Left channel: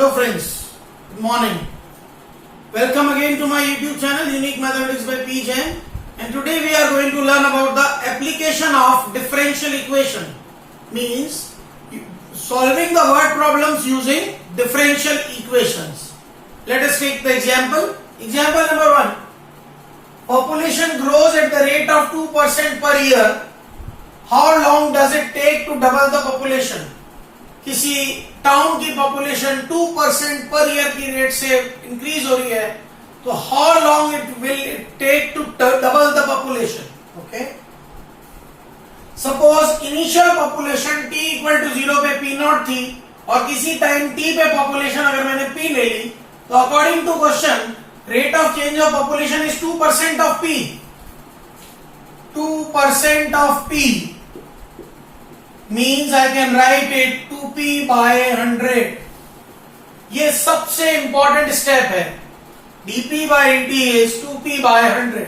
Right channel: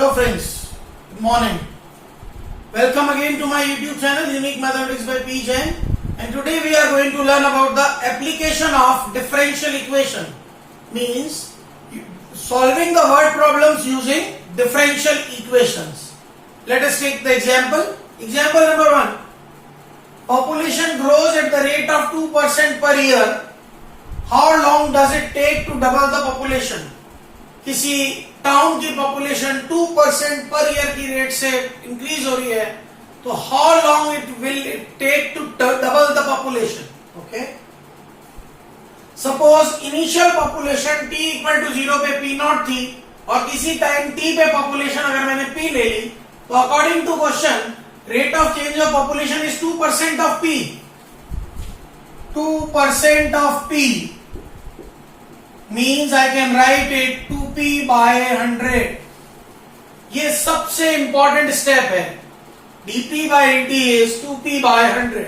Hello friends, good morning. Welcome again to my YouTube channel Unique Mathematics by P. Jain, and today we are going to learn about the application of differential equation. Means solving the word problems using differential equations. Let us take the example. Example number 1. Population grows at the rate of 2% per year. How long does it take to double the population? किसी town की population 2% per year की rate से increase हो रही है, तो how long it will it take to double the population. Okay, suppose initial population t equal to 0 पे p not थी और किसी टाइम t पे पॉपुलेशन अगर मैंने p ले ली, तो according to question rate of change of population is 2% of p. 2% of p means I can write it 2p by 100. ये सबसे इंपॉर्टेंट स्टेप है. dp by dt is 2p by 100.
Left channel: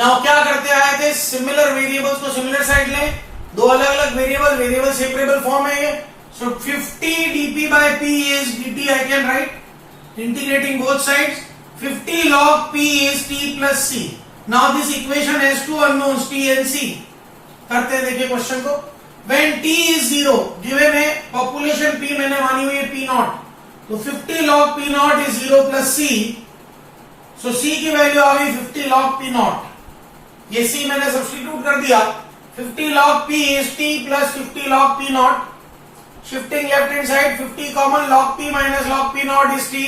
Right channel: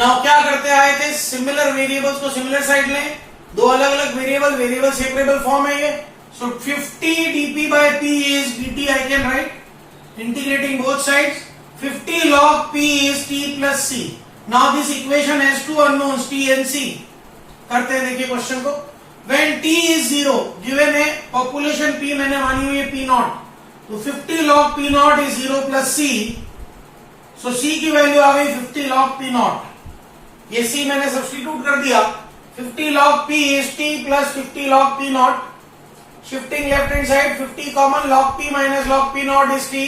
Now क्या करते आए थे, सिमिलर वेरिएबल्स को similar side लें, दो अलग अलग वेरिएबल सेपरेबल फॉर्म है ये. सो 50 dp by p is dt. I can write integrating both sides. 50 log p is t plus c. Now this equation has two unknowns t and c. करते हैं, देखिए question को. When t is 0, given है population p मैंने मानी हुई है p not, तो 50 log p naught is 0 plus c. So c की वैल्यू आ गई 50 log p नॉट. ये c मैंने सब्स्टिट्यूट कर दिया. 50 log p is t plus 50 log p not. Shifting left hand side, 50 common, log p minus log p naught is t.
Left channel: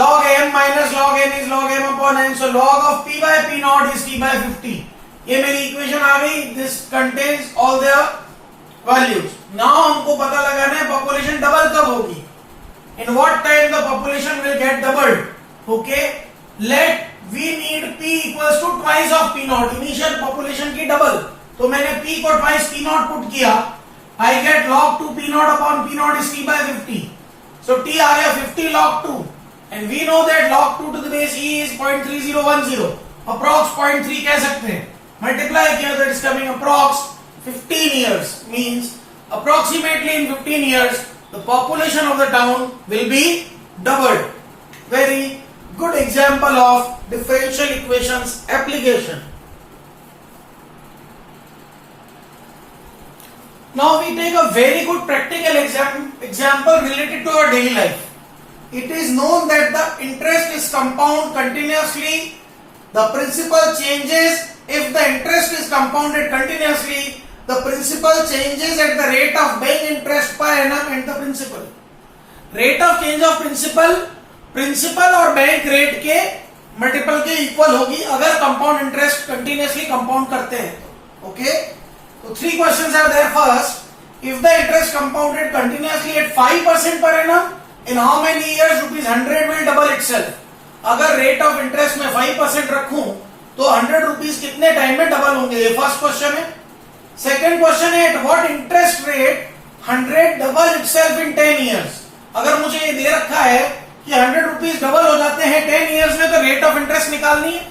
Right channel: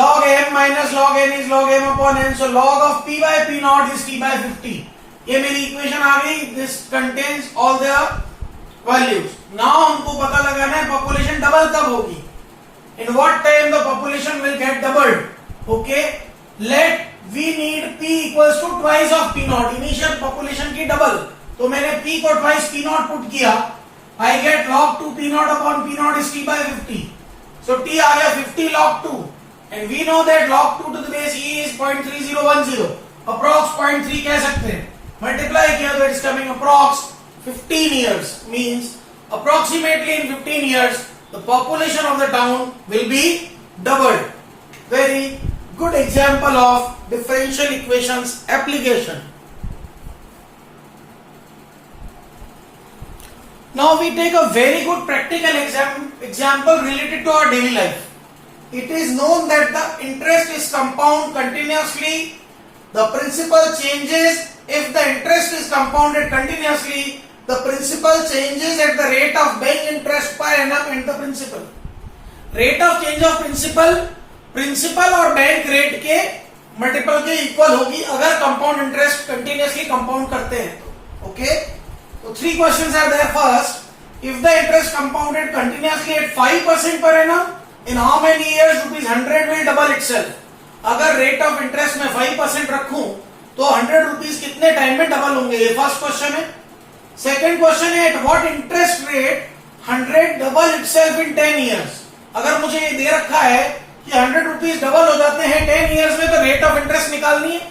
Log m minus log n is log m upon n. So log of p by p naught is t by 50. ये मेरी equation आ गई. This contains all the values. Now हमको पता लगाना है population double कब होगी, in what time the population will get doubled. Okay, let we need p equals to twice of p naught. Initial population की डबल, तो मैंने p को ट्वाइस p नॉट पुट किया. I get log 2 p naught upon p naught is t by 50. So t आ गया 50 log 2, and we know that log 2 to the base e is 0.3010. Approx 0.3 कह सकते हैं. Multiply किया तो it is coming approx 15 years. Means approximately in 15 years the population of the town will be doubled. Very good example of differential equations application. Now we take a very good practical example related to our daily life. It is known that the interest is compound continuously. The principal changes if the interest is compounded continuously. The principal changes at the rate of bank interest per annum and the principal. Rate of change of principal और bank rate के multiple के equal होगी अगर compound interest continuously compound करते हैं तो. Okay, तो 3 questions are there. First, if the interest compounded continuously at 5% per annum, in how many years ₹100 will double itself. अगर रेट ऑफ इंटरेस्ट में 5% रखूं तो 100 रुपीज कितने टाइम में डबल होंगे, ये फर्स्ट क्वेश्चन है. सेकेंड क्वेश्चन है, eight what interest rate 100 double itself in 10 years. अगर मुझे ये दे रखा है कि 100 रुपीज डबल हो जाते हैं 10 years में, तो रेट ऑफ इंटरेस्ट निकालनी है.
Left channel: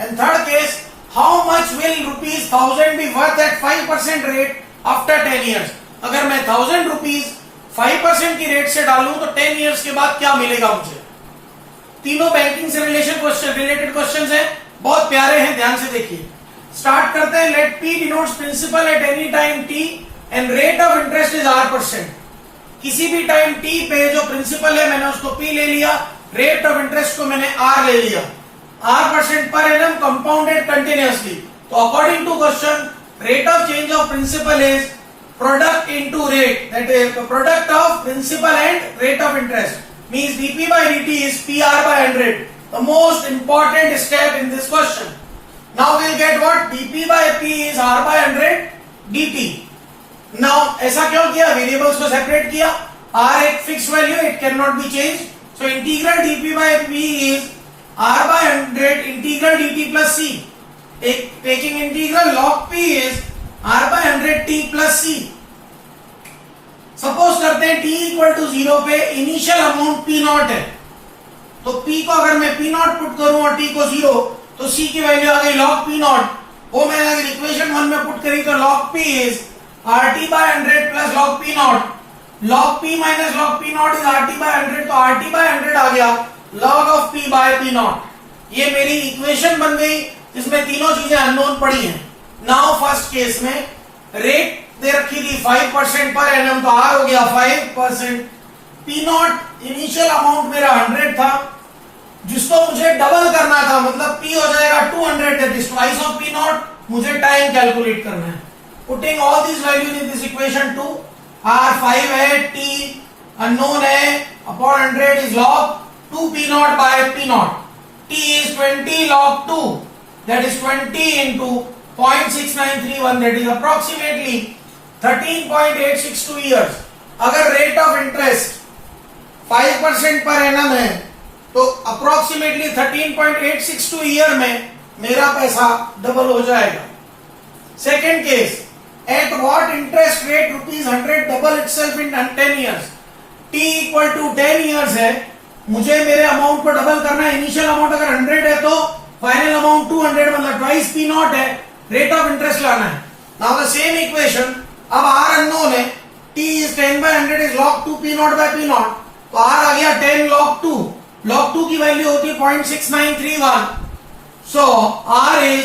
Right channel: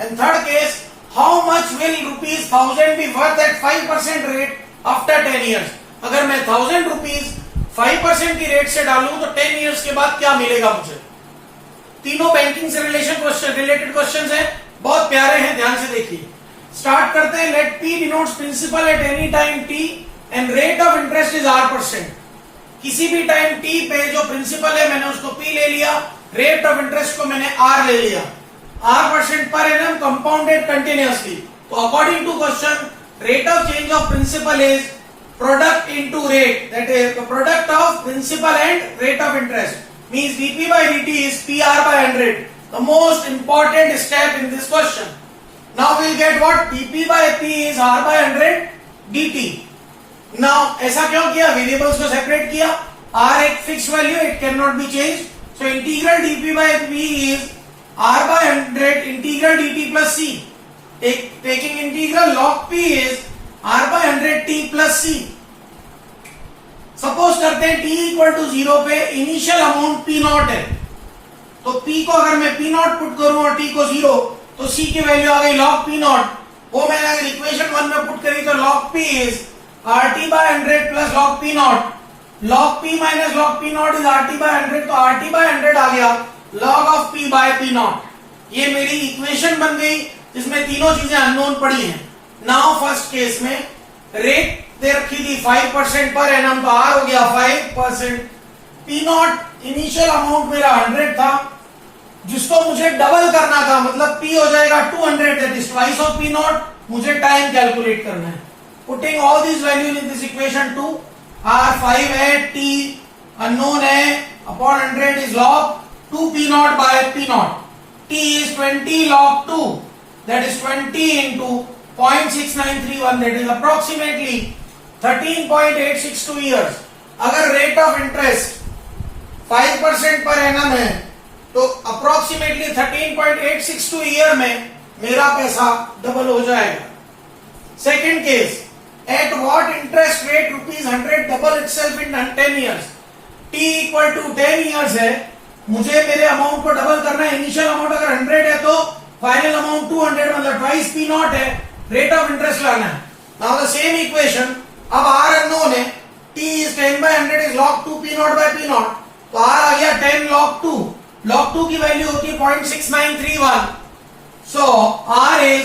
And third case, how much will ₹1000 be worth at 5% rate after 10 years. अगर मैं 1000 रुपीज 5% की रेट से डालूं तो 10 years के बाद क्या मिलेगा मुझे. तीनों बैंकिंग से रिलेटेड क्वेश्चन है, बहुत प्यारे हैं, ध्यान से देखिए. स्टार्ट करते हैं. Let p denotes principal at any time t and rate of interest is r%. किसी भी टाइम t पे जो प्रिंसिपल है मैंने उसको p ले लिया, रेट ऑफ इंटरेस्ट को मैंने r ले लिया. r% per annum compounded continuously. तो according to question rate of change of principal is product into rate, that is the product of principal and rate of interest. Means dp by dt is pr by 100. The most important step in this question. Now we'll get what? dp by p is r by 100 dt. Now ऐसा क्यों किया, variables को separate किया. r एक fix value, it can not be change. So integral dp by p is r by 100 integral dt plus c. Taking integral log p is r by 100 t plus c. Suppose करते हैं t equal to 0 पे initial amount p not है, तो p को अगर मैं p naught put करूं और t को 0, तो c की वैल्यू आ गई log p नॉट. वो मैंने अगर इक्वेशन 1 में पुट करी तो log p is rt by 100 plus log p not. log p minus log p naught is RT by 100, तो RT by 100 आ गया log of p by p not. ये मेरी इक्वेशन बन गई जिसमें तीनों चीजें अननोन पड़ी हैं। नाउ फर्स्ट केस में रेट दे रखी थी 5% पर एनम, तो आर हो गया 5%। पी नॉट इनिशियल अमाउंट मेरा 100 था, जिसको मुझे डबल करना था, मतलब पी हो जाएगा 200, that is twice of p naught. मुझे टाइम कैलकुलेट करना है। Putting all this values in this equation two, r 5 है, टी अननोन है, upon 100 is log 2 p naught by p naught. t is 20 log 2, that is 20 into 0.6931, that is approximately 13.862 years। अगर rate of interest 5% per annum है तो approximately 13.862 year में मेरा पैसा double हो जाएगा। Second case, at what interest rate ₹100 double itself in 10 years। t equal to 10 years है, मुझे मेरे अमाउंट को डबल करना है। इनिशियल अमाउंट अगर 100 है तो फाइनल अमाउंट 200, मतलब ट्वाइस पी नॉट है, रेट ऑफ इंटरेस्ट लाना है। नाउ द सेम इक्वेशन, अब आर अननोन है, t is 10 by 100 is log 2 p not by p not, तो आर आ गया 10 log 2। log 2 की वैल्यू होती है 0.6931, so R is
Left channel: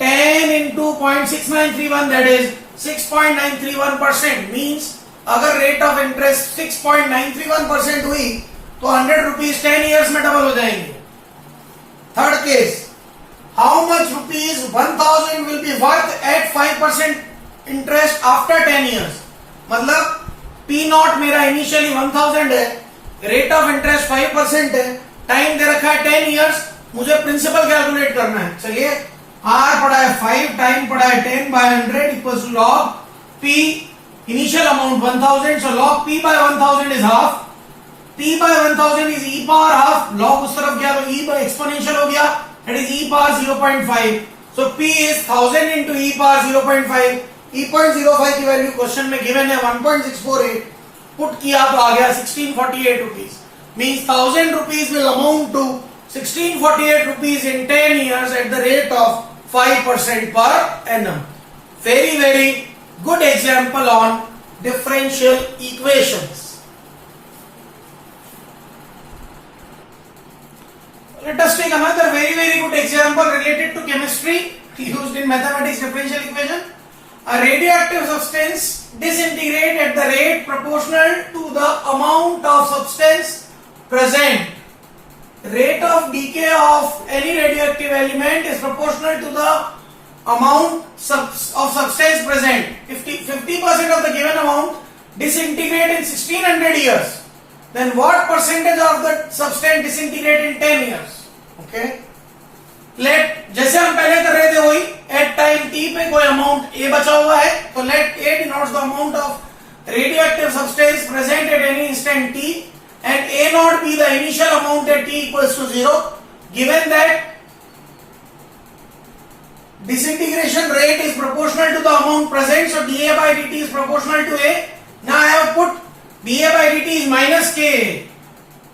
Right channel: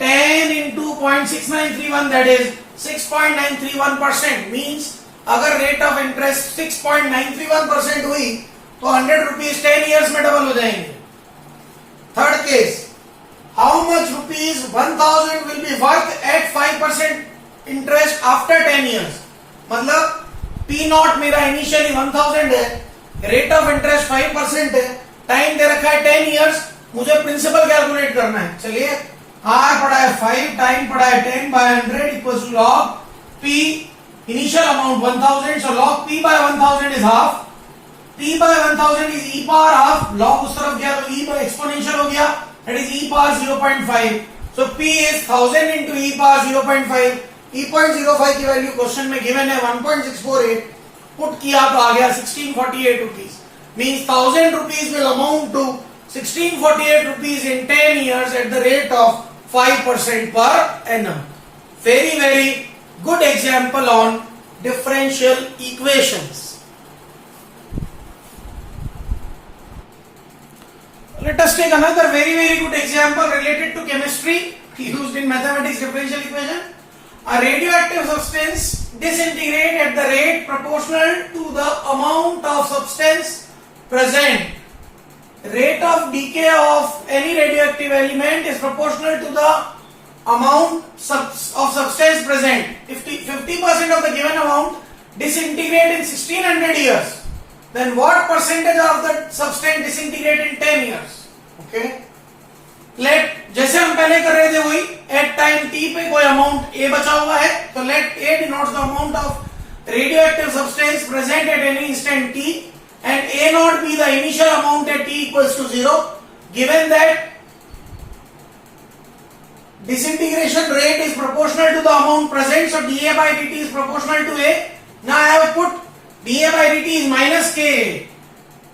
10 into 0.6931, that is 6.931%। Means अगर रेट ऑफ इंटरेस्ट 6.931% हुई तो 100 रुपीज 10 years में डबल हो जाएंगे। Third case, how much rupees 1000 will be worth at 5% interest after 10 years। मतलब पी नॉट मेरा इनिशियली 1000 है, रेट ऑफ इंटरेस्ट 5% है, टाइम दे रखा है 10 years, मुझे प्रिंसिपल कैलकुलेट करना है। चलिए, आर पड़ा है 5, टाइम पड़ा है 10 by 100 equals log p, initial amount 1000, so log p by 1000 is half. p by 1000 is e power half, log उस तरफ गया तो e by एक्सपोनेंशियल हो गया, that is e power 0.5, so p is 1000 into e power 0.5। e.05 की value question में given है 1.648, put किया तो आ गया 1648 rupees. Means 1000 rupees will amount to 1648 rupees in 10 years at the rate of 5% per annum। Very, very good example on differential equations। Let us take another very, very good example related to chemistry used in mathematics differential equation। A radioactive substance disintegrates at the rate proportional to the amount of substance present। Rate of decay of any radioactive element is proportional to the amount of substance present। If 50% of the given amount disintegrate in 1600 years, then what percentage of the substance disintegrate in 10 years? Okay, let, जैसे हम पहले कर रहे थे वही, at time t पे कोई amount a बचा हुआ है, तो let a denotes the amount of radioactive substance present at any instant t, and a naught be the initial amount at t equals to 0, given that disintegration rate is proportional to the amount present, so dA by dt is proportional to a। Now I have put dA by dt is minus k,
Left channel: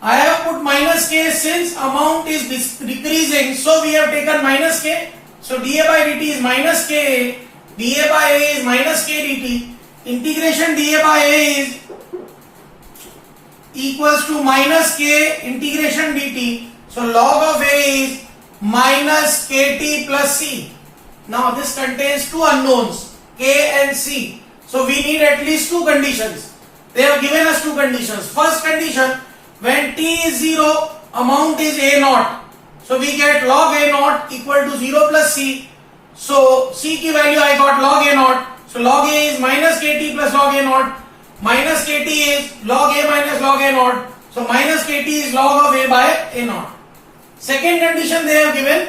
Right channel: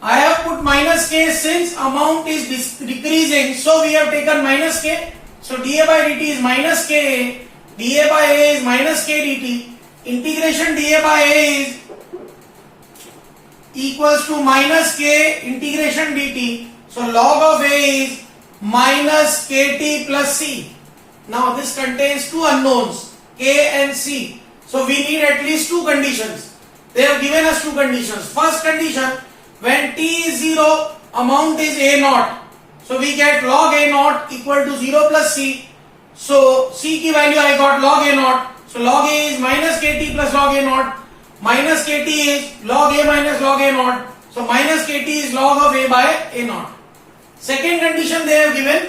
I have put minus k since amount is decreasing, so we have taken minus k, so dA by dt is minus k, dA by a is minus k dt, integration dA by a is equals to minus k integration dt, so log of a is minus kt plus c। Now this contains two unknowns, k and c, so we need at least two conditions। They have given us two conditions। First condition, when t is 0, amount is a naught, so we get log a naught equal to 0 plus c, so c की value I got log a naught, so log a is minus kt plus log a naught, minus kt is log a minus log a naught, so minus kt is log of a by a naught। Second condition they have given,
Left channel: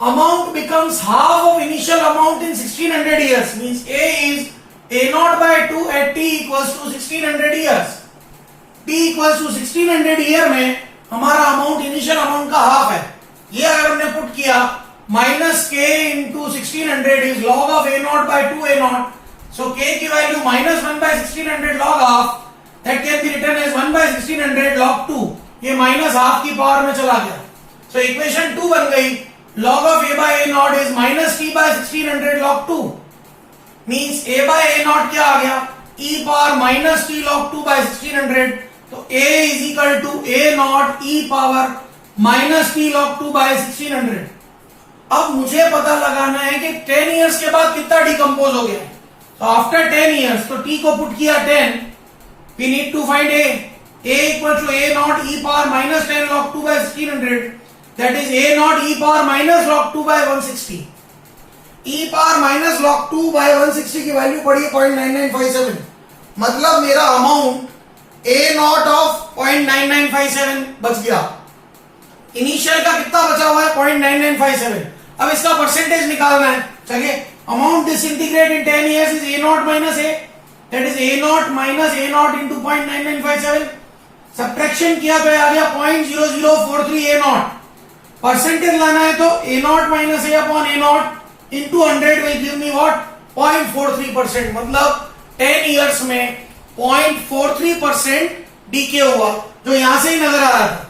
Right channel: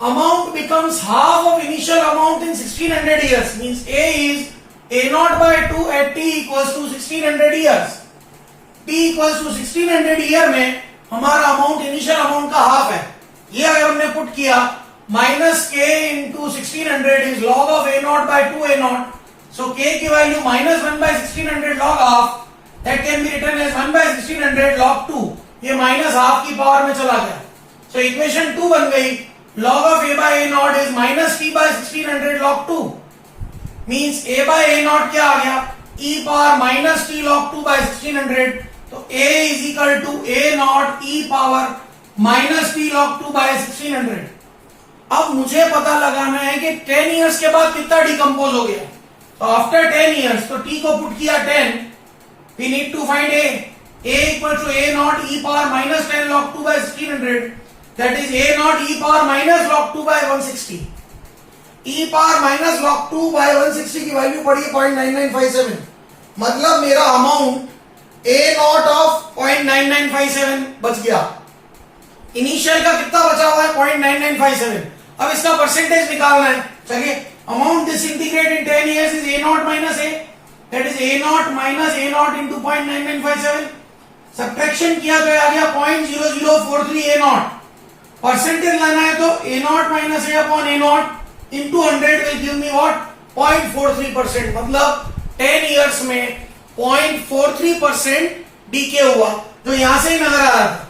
amount becomes half of initial amount in 1600 years, means a is a naught by 2 at t equals to 1600 years। t equals to 1600 year में हमारा amount initial amount का half है। ये अगर हमने put किया, minus K into 1600 is log of A naught by 2 A naught, so K की value minus 1 by 1600 log half, that can be written as 1 by 1600 log 2। ये माइनस हाफ की power में चला गया, सो इक्वेशन 2 बन गई, log of a by a naught is minus t by 1600 log 2, means a by a naught क्या आ गया, e power minus t log 2 by 1600. तो a is equal to a naught e power minus t log 2 by 1600. अब मुझे पता लगाना है कि 10 years के बाद कितना डिकम्पोज हो गया. तो आफ्टर 10 इयर्स, तो t को पुट किया 10, we need to find a. a equal to a naught e power minus 10 log 2 by 1600. That is a naught e power minus log 2 by 160. e power minus log 2 by 160 की value पड़ी है 0.9957. मतलब मेरा amount a naught of 0.9957 बच गया. Initial का कितना बचा हुआ है 0.9957. अब इसका परसेंटेज निकालना है. चलिए, amount disintegrate in 10 years is a naught minus a. That is a naught minus a naught into 0.9957. Subtraction किया तो आ गया 0.0043 a naught. परसेंटेज लाना है तो a naught minus a upon a naught into 100 will give me what? 0.43%. मतलब 10 years में 0.43% DK हुआ, जो यहां से ही नजर आ रहा था.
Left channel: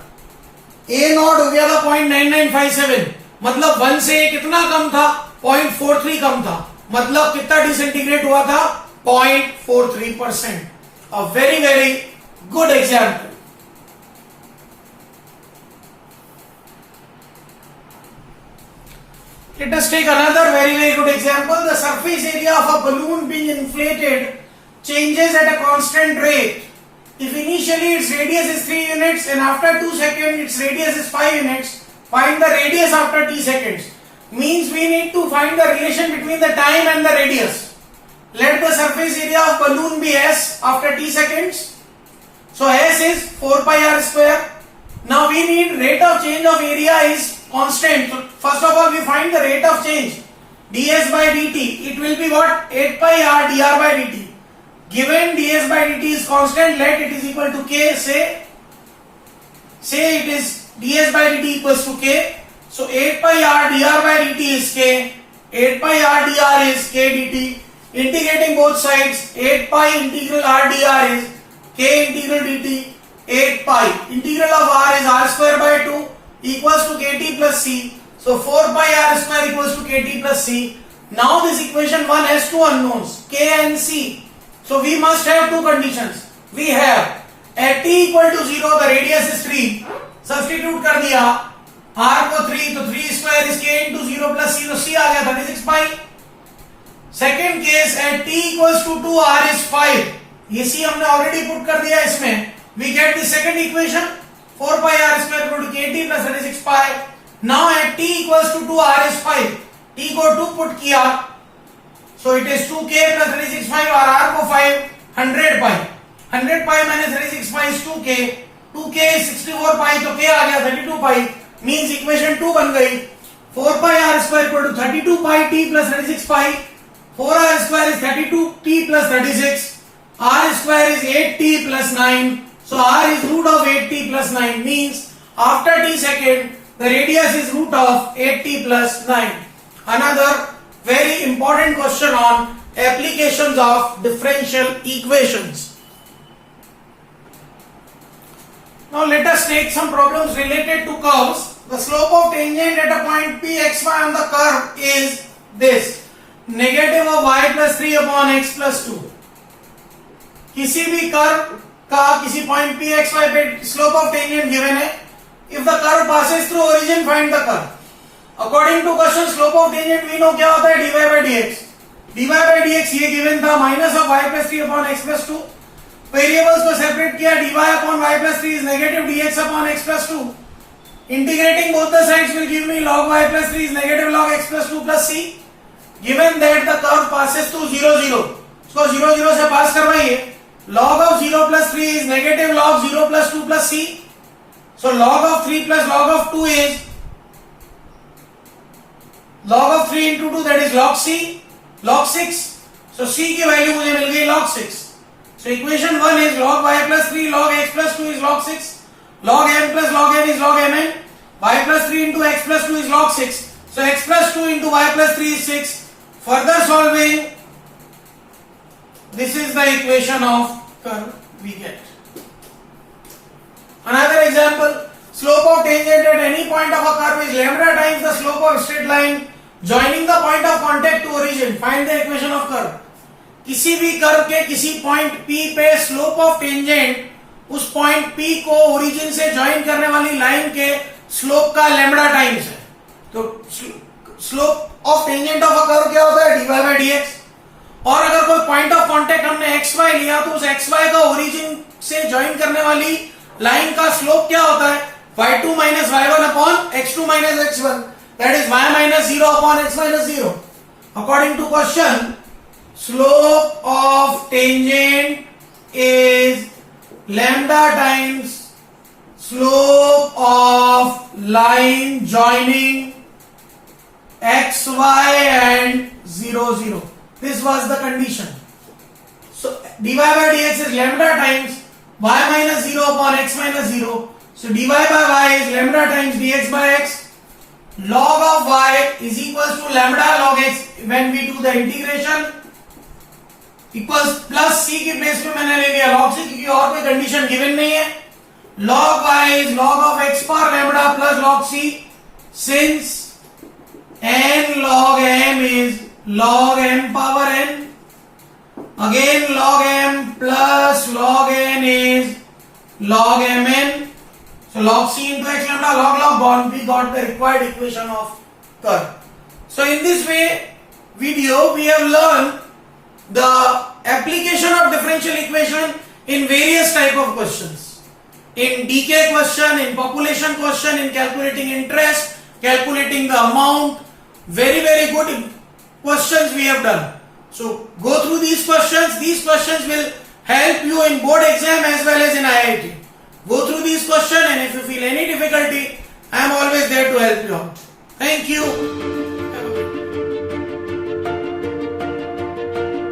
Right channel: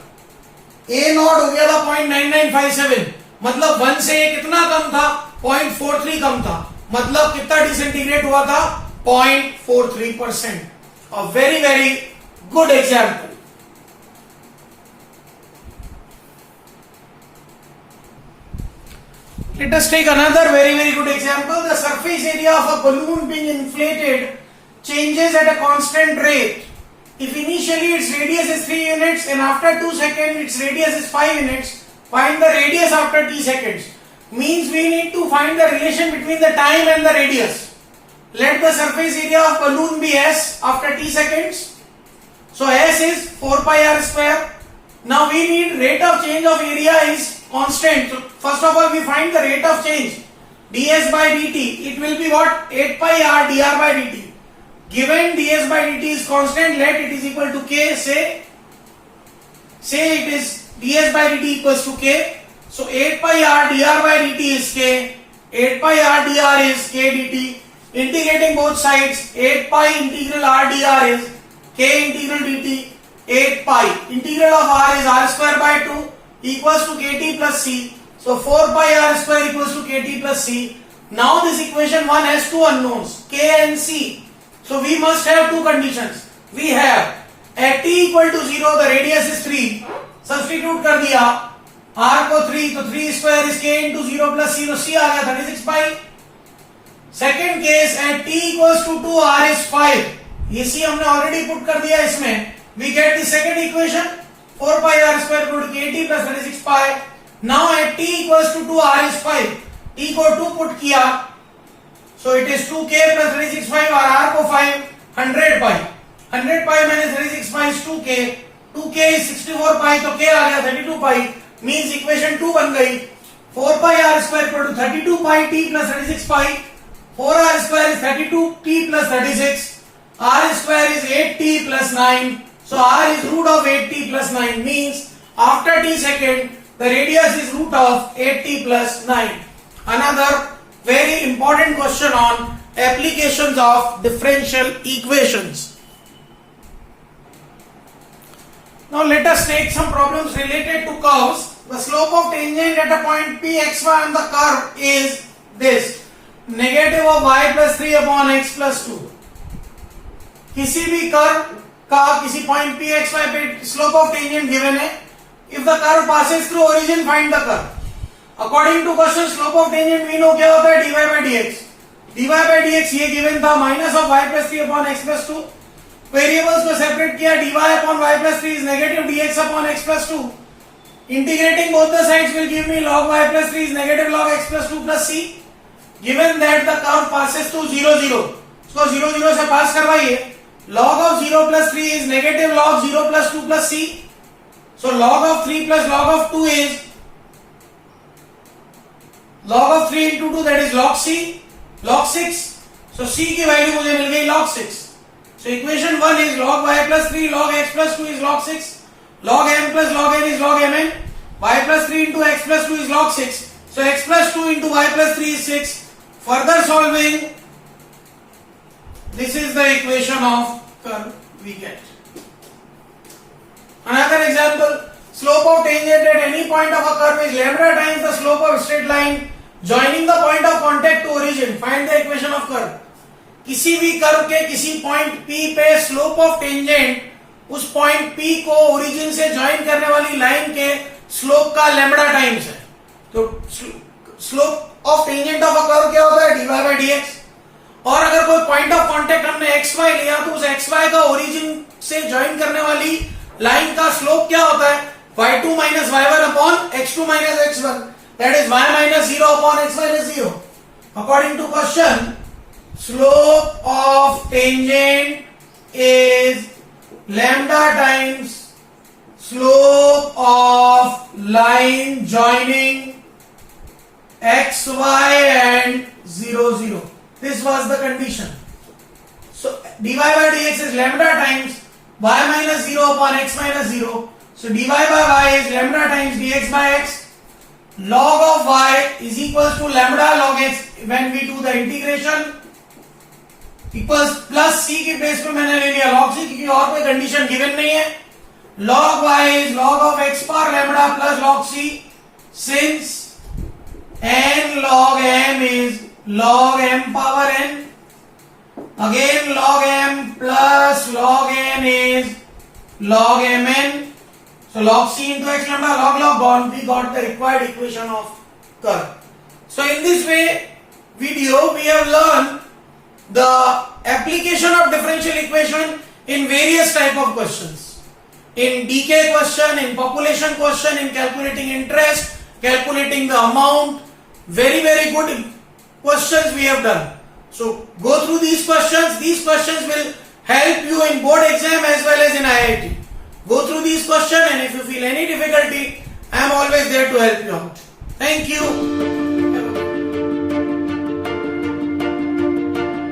a naught हो गया था 0.9957. मतलब 1 से कितना कम था? 0.43 कम था. मतलब कितना डिसइंटीग्रेट हुआ था? 0.43%. A very very good example. Let us take another very very good example. The surface area of a balloon being inflated changes at a constant rate. If initially its radius is 3 units and after 2 seconds its radius is 5 units, find the radius after t seconds. Means we need to find the relation between the time and the radius. Let the surface area of balloon be s after t seconds. So s is 4 pi r square. Now we need rate of change of area is constant. So first of all we find the rate of change ds by dt. It will be what? 8 pi r dr by dt. Given ds by dt is constant, let it is equal to k. Say it is ds by dt equals to k. So 8 pi r dr by dt is k. 8 pi r dr is k dt. Integrating both sides, 8 pi integral r dr is k integral dt. 8 pi integral of r is r square by 2 equals to kt plus c. So 4 pi r square equals to kt plus c. Now this equation 1 has two unknowns, k and c. So we must have two conditions. We have at t equal to 0 the radius is 3. Substitute कर दिया r को 3, तो 3 square is k into 0 plus c. तो c आ गया 36 pi. Second case at t equals to 2 r is 5. ये c हमने already put कर दिया इसमें. We get the second equation 4 pi r square equal to kt plus 36 pi. Now at t equals to 2 r is 5. t को 2 put किया, so it is 2k plus 36 pi और r को 5, 100 pi. 100 pi minus 36 pi is 2k. 2k is 64 pi, तो k आ गया 32 pi. Means equation 2 बन गई. 4 pi r square equal to 32 pi t plus 36 pi. 4r square is 32t plus 36. R square is 8t plus 9. So r is root of 8t plus 9. Means after t second, the radius is root of 8t plus 9. Another very important question on applications of differential equations. Now let us take some problems related to curves. The slope of tangent at a point p xy on the curve is this. Negative of y plus 3 upon x plus 2. किसी भी curve का किसी point p x y पे slope of tangent given है. If the curve passes through origin find the curve. According to question slope of tangent we know क्या होता है dy by dx. dy by dx ये given था minus of y plus 3 upon x plus 2. Variables को separate किया. dy upon y plus 3 is negative dx upon x plus 2. Integrating both the sides will give me log y plus 3 is negative log x plus 2 plus c. Given that the curve passes through 0 0, इसको 0 0 से पास करवाइए. Log of 0 plus 3 is negative log 0 plus 2 plus c. So log of 3 plus log of 2 is log of 3 into 2, that is log c, log 6. So c की value मुझे मिल गई log 6. So equation 1 is log y plus 3 log x plus 2 is log 6. Log m plus log n is log mn. Y plus 3 into x plus 2 is log 6. So x plus 2 into y plus 3 is 6. Further solving, this is the equation of curve we get. Another example, slope of tangent at any point of a curve is lambda times the slope of straight line joining the point of contact to origin. Find the equation of curve. किसी भी curve के किसी point P पे slope of tangent उस point P को origin से join करने वाली लाइन के स्लोप का लैम्बडा टाइम्स है। तो slope of tangent of a curve क्या होता है, dy बाय dx। और अगर कोई पॉइंट ऑफ कांटेक्ट हमने xy लिया तो उस xy का ओरिजिन से ज्वाइन करने वाली लाइन का स्लोप क्या होता है, y2 minus y1 upon x2 minus x1, that is y minus 0 upon x minus 0। According to question, slope of tangent is lambda times slope of line joining xy and 0 0. This was the condition. So dy by dx is lambda times y minus 0 upon x minus 0. So dy by y is lambda times dx by x. Log of y is equals to lambda log x when we do the integration equals plus C की base पे मैंने ले लिया log c, क्योंकि और कोई condition given नहीं है। log y is log of x power lambda plus log c, since n log m is log m power n, again log m plus log n is log mn, so log c into x lambda log gone, we got the required equation of curve. So in this video we have learned the application of differential equation in various type of questions, in DK question, in population question, in calculating interest, calculating the amount. Very good questions we have done. So go through these questions. These questions will help you in board exam as well as in IIT. Go through these questions, and if you feel any difficulty, I am always there to help you out. Thank you.